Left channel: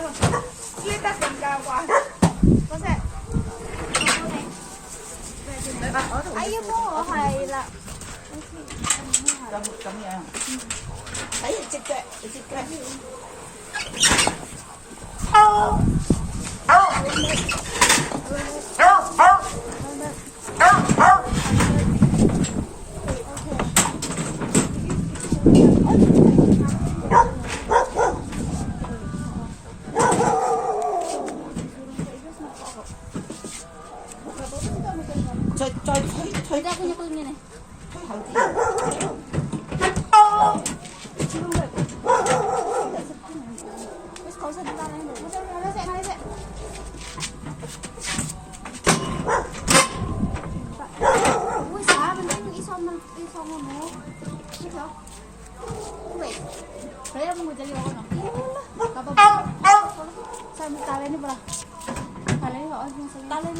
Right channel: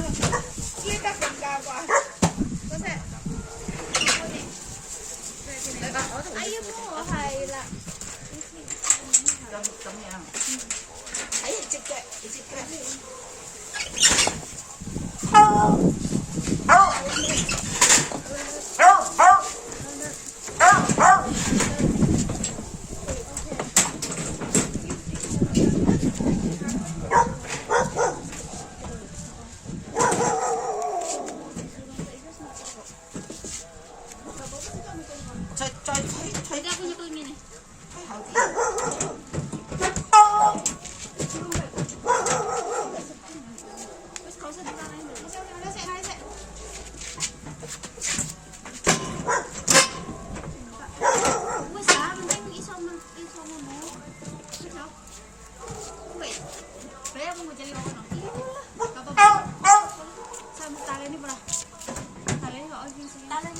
呢得更加啩，嗰隻。哎呀，幫我係啦。咁樣。哎，隻腳，隻腳。再推啲一個面嚟。Saya mau jadi apa? Saya mau kalian ini berapa? Kalian nggak orang kalian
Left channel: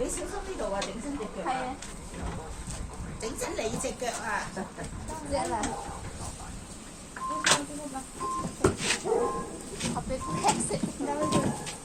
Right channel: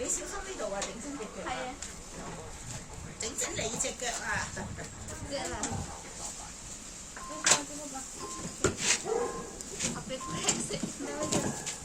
你小心呢度啊！整親隻腳。係啊。整親你隻腳啊！隻嚟。我俾佢踢死。